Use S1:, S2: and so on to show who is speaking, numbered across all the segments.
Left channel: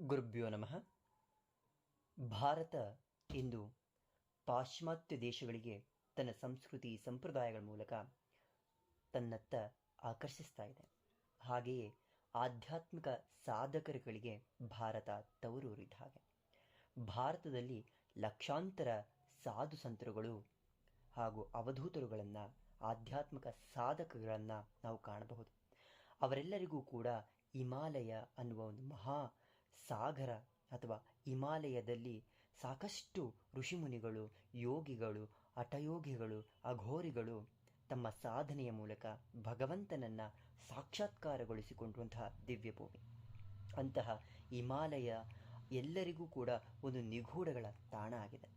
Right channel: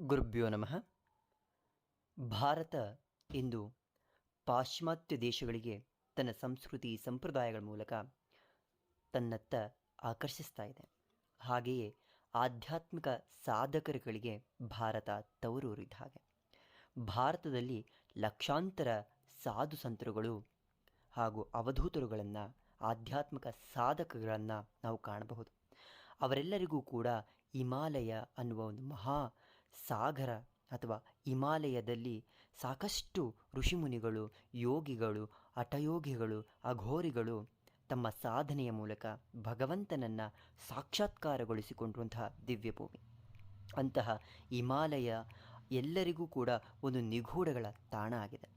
S1: ಗುರುಭ್ಯೋ ನಮಃ. ಭಾರತ ಇಂದು ಪಾಶ್ಚಿಮಾತ್ಯ ದೇಶಗಳಿಗೆ ತನ್ನ ಸಂಸ್ಕೃತಿ ಸಂಪ್ರದಾಯಗಳ ಮೂಲಕ ತನ್ನತ್ತ ಆಕರ್ಷಿಸ್ತಾ ಇದೆ. ಹಾಗೆಯೇ ಆಧ್ಯಾತ್ಮಿಕ ಸಾಧಕರುಗಳಿಗೆ ಭಾರತ ತವರೂರಿದ ಹಾಗೆ. ಭಾರತದಲ್ಲಿ ಲಕ್ಷಾಂತರ ಸಾಧು ಸಂತರುಗಳು ಹಾಗೂ ಅವಧೂತರುಗಳನ್ನು, ಆಧ್ಯಾತ್ಮಿಕ ಸಾಧಕಗಳನ್ನು ನಾವು ಕಾಣಬಹುದು. ಅವರೆಲ್ಲರಿಗೂ ಕೂಡ ಹಿಮಾಲಯ ಅನ್ನುವ ಒಂದು ಮಹಾ ಸಾಗರ ಅಥವಾ ಹಿಮಾಲಯದಲ್ಲಿ ಸಾಕಷ್ಟು ಋಷಿಮುನಿಗಳು, ಯೋಗಿಗಳು, ಹಠಯೋಗಿಗಳು, ಅಘೋರಿಗಳು ತಮ್ಮ ಸಾಧನೆಯ ಮೂಲಕ ಭಗವಂತನನ್ನು ಸಾಕ್ಷಾತ್ಕಾರಗೊಳಿಸಿಕೊಂಡಂತಹ ದಿವ್ಯಭೂಮಿ. ಅಂತಹ ಹಿಮಾಲಯ ಎಲ್ಲರಿಗೂ ಕೂಡ ಒಂದು ನಿಗೂಢಗಳ ತಾಣ ಆಗಿದೆ.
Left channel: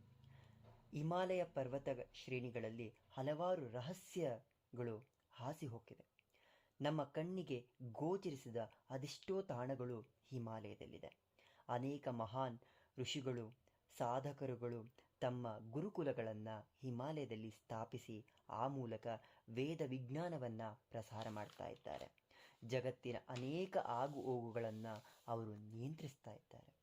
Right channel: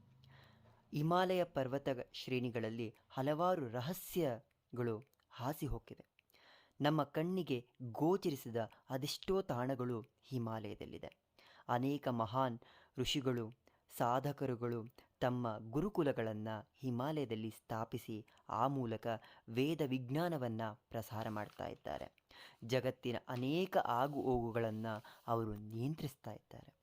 S1: ಹಿಮಾಲಯ ಪರ್ವತ ಶ್ರೇಣಿಗಳಲ್ಲಿ ಹಲವಾರು ರಹಸ್ಯಗಳು ಹಾಸಿ ಹೋಗಿವೆ ನಮ್ಮ ಕಣ್ಣಿಗೆ ಗೋಚರಿಸಿದ ಅದೆಷ್ಟೋ ತಾಣಗಳು ಹಿಮಾಲಯದಲ್ಲಿದೆ. ಅನೇಕ ಮಹಾನ್ ಋಷಿಗಳು, ಸಾಧಕರುಗಳು ತಮ್ಮ ಗುರುಕುಲಗಳನ್ನು ಹಿಮಾಲಯದಲ್ಲಿ ಸ್ಥಾಪಿಸಿ ಆ ಮೂಲಕ ವೇದ ವಿಜ್ಞಾನವನ್ನು ಪ್ರಸಾರ ಮಾಡ್ತಾ ಇದ್ದಾರೆ. ಜಗತ್ತಿನ ಅನೇಕ ಆಗು ಹೋಗುಗಳನ್ನು ಅವರು ನಿಯಂತ್ರಿಸ್ತಾ ಇದ್ದಾರೆ.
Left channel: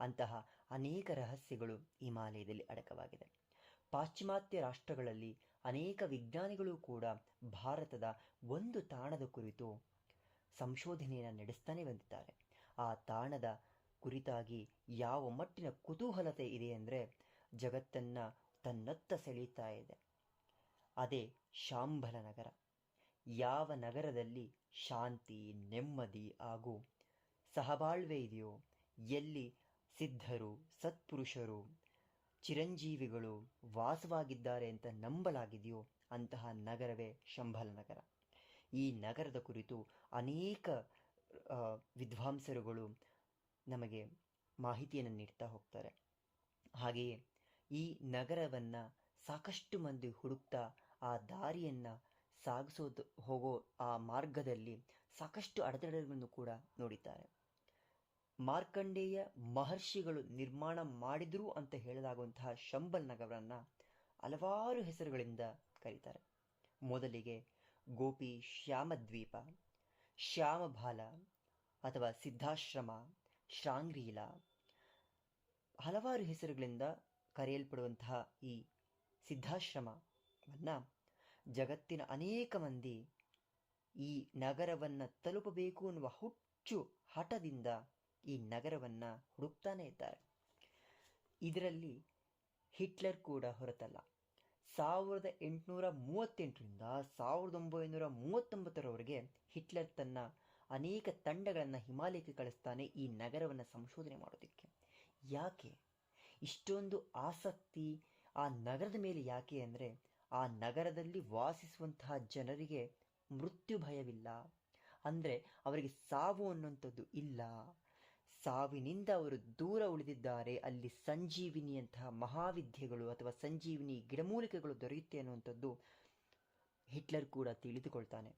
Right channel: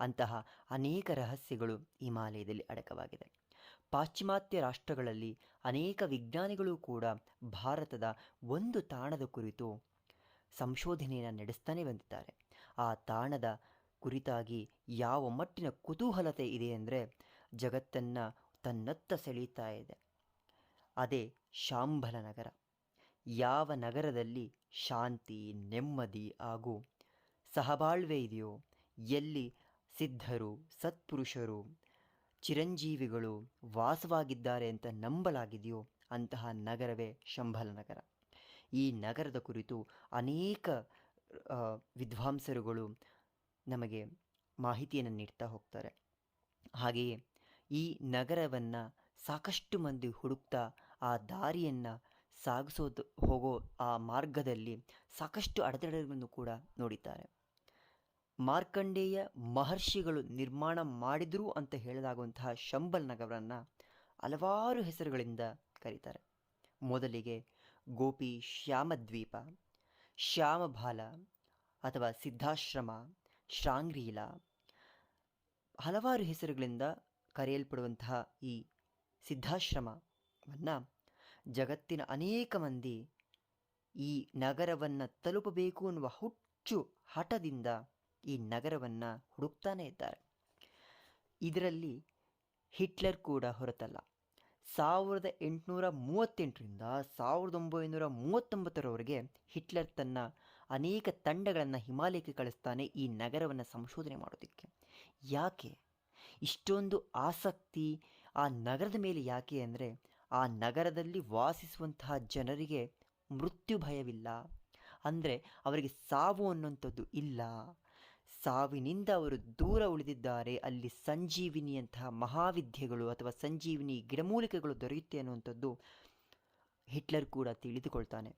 S1: ಅಂತಹ ಅನೇಕ ರಹಸ್ಯಗಳು ಹಿಮಾಲಯದಲ್ಲಿ ಅಡಕವಾಗಿದೆ. ಪಾಶ್ಚಿಮಾತ್ಯ ರಾಷ್ಟ್ರಗಳಲ್ಲಿ ಅನೇಕ ವಿಜ್ಞಾನಿಗಳು ಕೂಡ ಭಾರತದ ಒಂದು ತಾಣದ ಕುರಿತು ಸಂಶೋಧನೆಯನ್ನು ನಡೆಸ್ತಾನೆ ಬಂದಿದ್ದಾರೆ. ಆ ತಾಣದ ಕುರಿತಾಗಿ ಯಾವ ಮಟ್ಟಿನ ಕುತೂಹಲತೆ ಇದೆ ಅಂದರೆ ಜಗತ್ತನ್ನು ತನ್ನತ್ತ ಸೆಳೀತಾ ಇದೆ. ಅದೇ ಶಾಂಬಲ ನಗರ. ಯಾವ ನಗರದಲ್ಲಿ ಶಾಂತಿ, ನೆಮ್ಮದಿ ಹಾಗೂ ಸಹಬಾಳ್ವೆ ಇದೆಯೋ, ಎಲ್ಲಿ ಸಿದ್ಧರು, ಸತ್ಪುರುಷರು ಚಿರಂಜೀವಿಗಳು ವಾಸವಾಗಿದ್ದಾರೆ ಅಂತ ನಂಬಲಾಗಿದೆಯೋ ಅಂತಹ ನಗರವೇ ಶಂಭಲ ನಗರ. ಈ ನಗರದ ಕುರಿತು ಅನೇಕ ವಿದ್ವಾಂಸರುಗಳು ನಮಗೆ ಮಾಹಿತಿಯನ್ನು ನೀಡ್ತಾ ಹೋಗ್ತಾರೆ. ಹಾಗೆಯೇ ಈ ನಗರವನ್ನು ಸಾಕಷ್ಟು ಮಂದಿ ಹುಡುಕ್ತಾ ಆ ದಾರಿಯನ್ನು ಸಾಗಿಸೋದು, ಹೋಗೋ ಆ ಮಾರ್ಗದಲ್ಲಿ ಸಾಕಷ್ಟು ಅಡೆತಡೆಗಳನ್ನು ಕೂಡ ನೋಡಿದ್ದಾರೆ. ಮಾರ್ಕಂಡೇಯ ಮಹರ್ಷಿಗಳು ನಿರ್ಮಾಣ ಮಾಡಿದರು ಅಂತ ಹೇಳಲಾಗುವಂತಹ ಶಂಬಲ್ ನಗರವನ್ನು ಹಲವಾರು ಹೆಸರುಗಳಿಂದ ಕರೀತಾರೆ. ಮೊದಲಿಗೆ ಗೋಪಿ ಶ್ಯಾಮದ್ವೀಪ, ಶ್ಯಾಮಬಾಲ ಅಥವಾ ಸಿದ್ಧಾಶ್ರಮ, ಶ್ರಾಂಗ್ರೀಲ ಹಲವಾರು ಹೆಸರುಗಳಿಂದ ಕರೆಯಲ್ಪಡುವಂತಹ ಈ ಸಿದ್ಧಾಶ್ರಮವನ್ನು ಜಗತ್ತಿನ ಅನೇಕ ಮಂದಿ ಈ ನಗರವನ್ನು ತಲುಪಬೇಕು ಅನ್ನುವ ಹುಚ್ಚು ಹಠದಿಂದ ಈ ನಗರವನ್ನು ಹುಡುಕ್ತಾನೇ ಇದ್ದಾರೆ. ಇದರಲ್ಲಿ ಹಿಟ್ಲರ್ ಕೂಡ ಹೊರತಲ್ಲ. ಸಾವಿರದ ಎಂಟುನೂರ ಮೂವತ್ತೆಂಟರಿಂದ ಸಾವಿರದ ಒಂಬೈನೂರ ಮೂವತ್ತೊಂಬತ್ತರವರೆಗೆ ಹಿಟ್ಲರ್ ತನ್ನ ಅನೇಕ ತಂಡಗಳನ್ನು ಹಿಮಾಲಯಕ್ಕೆ ಕಳಿಸ್ತಾನೆ ಈ ನಗರವನ್ನು ಸಂಶೋಧನೆ ಮಾಡೋದಕ್ಕೆ. ಯಾಕೆ? ಇಷ್ಟೊಂದು ಆಸಕ್ತಿ ಆ ನಗರದ ಮೇಲೆ ಯಾಕೆ ಅಂದರೆ ಆ ನಗರದಲ್ಲಿ ವಾಸಿಸುವಂತಹ ಜನರಿಗೆ ಮೃತ್ಯು ಭಯವಿಲ್ಲ. ಅಂದರೆ ಅವರಿಗೆ ಸಾವು ಅನ್ನುವಂಥದ್ದು ಇಲ್ಲ. ಸಾವಿನಿಂದ ಅವರು ದೂರ ಉಳಿದಿದ್ದಾರೆ. ಅಲ್ಲಿ ಸಂಜೀವಿನಿಯಂತಹ ಮಹಾವಿದ್ಯೆಗಳು ಅಥವಾ ಸಂಜೀವಿನಿ ಗಿಡಮೂಲಿಕೆಗಳು ದೊರೆಯುತ್ತೆ ಅನ್ನುವಂಥದ್ದು ಹಿಟ್ಲರ್ ಕೂಡ ತಿಳಿದುಕೊಳ್ತಾನೆ.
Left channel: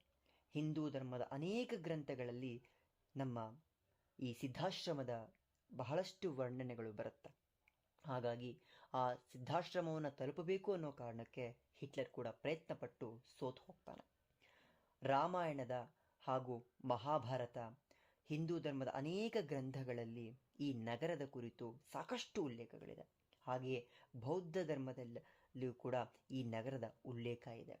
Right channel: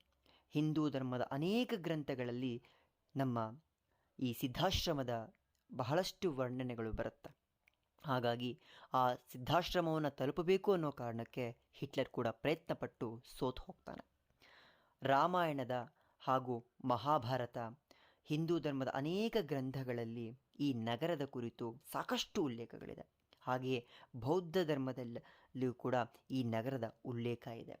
S1: ಹಿಂದೂ ಧರ್ಮದ ಅನೇಕ ಗ್ರಂಥಗಳಲ್ಲಿ ನಮ್ಮ ಈ ಸಿದ್ಧಾಶ್ರಮದ ಬಹಳಷ್ಟು ವರ್ಣನೆಗಳು ಬರುತ್ತೆ? ಹಾಗಾಗಿ ಆ ಸಿದ್ಧಾಶ್ರಮವನ್ನು ತಲುಪಬೇಕು ಅನ್ನೋ ಕಾರಣಕ್ಕೆ ಹಿಟ್ಲರ್ ಕೂಡ ಪ್ರಯತ್ನಪಟ್ಟು ಸೋತು ಹೋಗ್ತಾನೆ. ರಾಮಾಯಣದ ಹಾಗೂ ಮಹಾಭಾರತ ಹಿಂದೂ ಧರ್ಮದ ಅನೇಕ ಗ್ರಂಥಗಳಲ್ಲಿ ಈ ನಗರದ ಕುರಿತು ಸಾಕಷ್ಟು ಉಲ್ಲೇಖಗಳಿದೆ. ಹಾಗೆಯೇ ಬೌದ್ಧ ಧರ್ಮದಲ್ಲಿಯೂ ಕೂಡ ಈ ನಗರದ ಉಲ್ಲೇಖ ಇದೆ.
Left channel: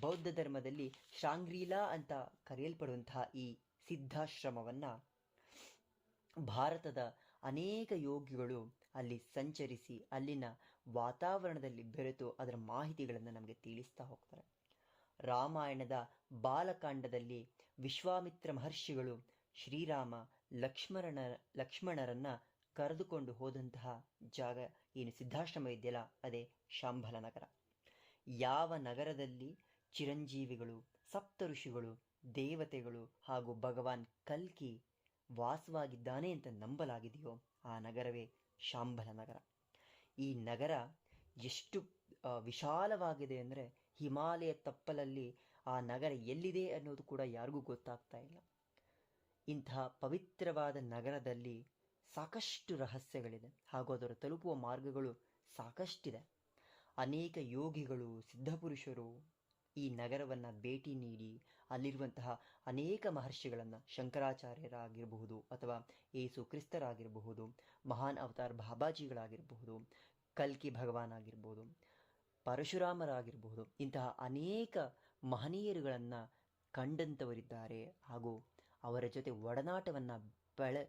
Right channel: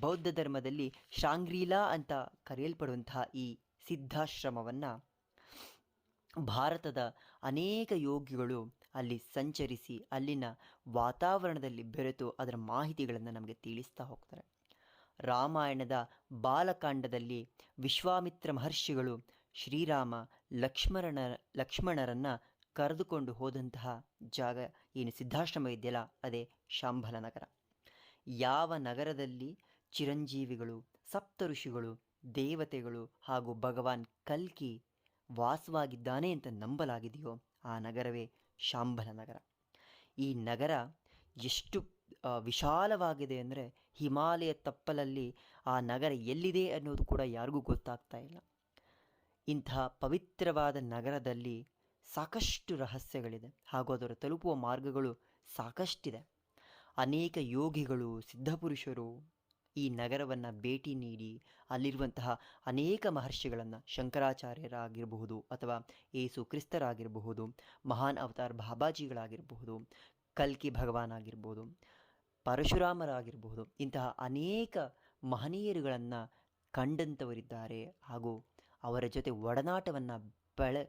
S1: ಬೌದ್ಧ ಧರ್ಮದಲ್ಲಿ ಶಾಂಗ್ರೀಲಾ ಅಂತ ಕರೆಯಲ್ಪಡುವಂತಹ ಈ ಸಿದ್ಧಾಶ್ರಮವನ್ನು ಭಾರತದ ಅನೇಕ ಯೋಗಿಗಳು ಅಲ್ಲಿ ಸಂಚರಿಸಿ ಅಲ್ಲಿನ ವಾತಾವರಣದಲ್ಲಿ ಬೆರೆತು ಅದರ ಮಾಹಿತಿಗಳನ್ನು ನಮಗೆ ತಿಳಿಸ್ತಾ ಹೋಗ್ತಾರೆ. ರಾಮಾಯಣದ ಬಾಲಕಾಂಡದಲ್ಲಿ ವಿಶ್ವಾಮಿತ್ರ ಮಹರ್ಷಿಗಳು ಶ್ರೀರಾಮ ಲಕ್ಷ್ಮಣ ಲಕ್ಷ್ಮಣರನ್ನು ಕರೆದುಕೊಂಡು ಹೋದಂತಹ ಜಾಗ ಏನು? ಸಿದ್ಧಾಶ್ರಮ ಇದೆಯಲ್ಲ, ಅದೇ ಶಾಂಬಲ ನಗರ. ಯಾವ ನಗರದಲ್ಲಿ ಚಿರಂಜೀವಿಗಳು ಸಪ್ತ ಋಷಿಗಳು ದೇವತೆಗಳು ಹಾಗೂ ಭಗವಾನ್ ಕಲ್ಕಿ ವಾಸವಾಗಿದ್ದಾನೆ ಅಂತ ನಂಬಲಾಗಿದೆಯೋ ಆ ನಗರವೇ ಶಾಂಬಲ ನಗರ. ಈ ನಗರ ಎಷ್ಟು ವಿಶಾಲವಾಗಿದೆ ಅಂದರೆ ಹಿಮಾಲಯ ತಪ್ಪಲಲ್ಲಿ ಆ ನಗರ ಎಲ್ಲಿದೆ ಅನ್ನೋದು ಕೂಡ ಯಾರಿಗೂ ಗೊತ್ತಾಗ್ತಾ ಇಲ್ಲ. ಇಂತಹ ಪವಿತ್ರವಾದ ನಗರದಲ್ಲಿ ಸಾಕಷ್ಟು ರಹಸ್ಯಗಳಿದೆ. ಹಾಗೂ ಅದರ ತಲುಪುವ ಮಾರ್ಗಗಳು ಸಾಕಷ್ಟಿದೆ. ಅನೇಕ ಯೋಗಿಗಳು, ಸಿದ್ಧಪುರುಷರು ಈ ನಗರವನ್ನು ಭೇಟಿ ನೀಡಿ ಅಲ್ಲಿರುವಂತಹ ಅನೇಕ ಮಹರ್ಷಿಗಳನ್ನು ಶಂಕರಾಚಾರ್ಯರಾಗಿರಬಹುದು ಅಥವಾ ಏಸು ಕ್ರಿಸ್ತರಾಗಿರಬಹುದು, ಮಹಾನ್ ಅವತಾರ್ ಬಾಬಾಜಿಗಳಾಗಿರಬಹುದು, ಕಲ್ಕಿ ಭಗವಾನ್ ಆಗಿರ್ಬೋದು ಪರಶುರಾಮರಾಗಿರಬಹುದು, ಇಂತಹ ಅನೇಕ ಮಹನೀಯರುಗಳನ್ನು ಕಂಡಂಥವರಿದ್ದಾರೆ ಹಾಗೂ ಅವರ ಜೊತೆ ಒಡನಾಟವನ್ನು ಬೆಳೆ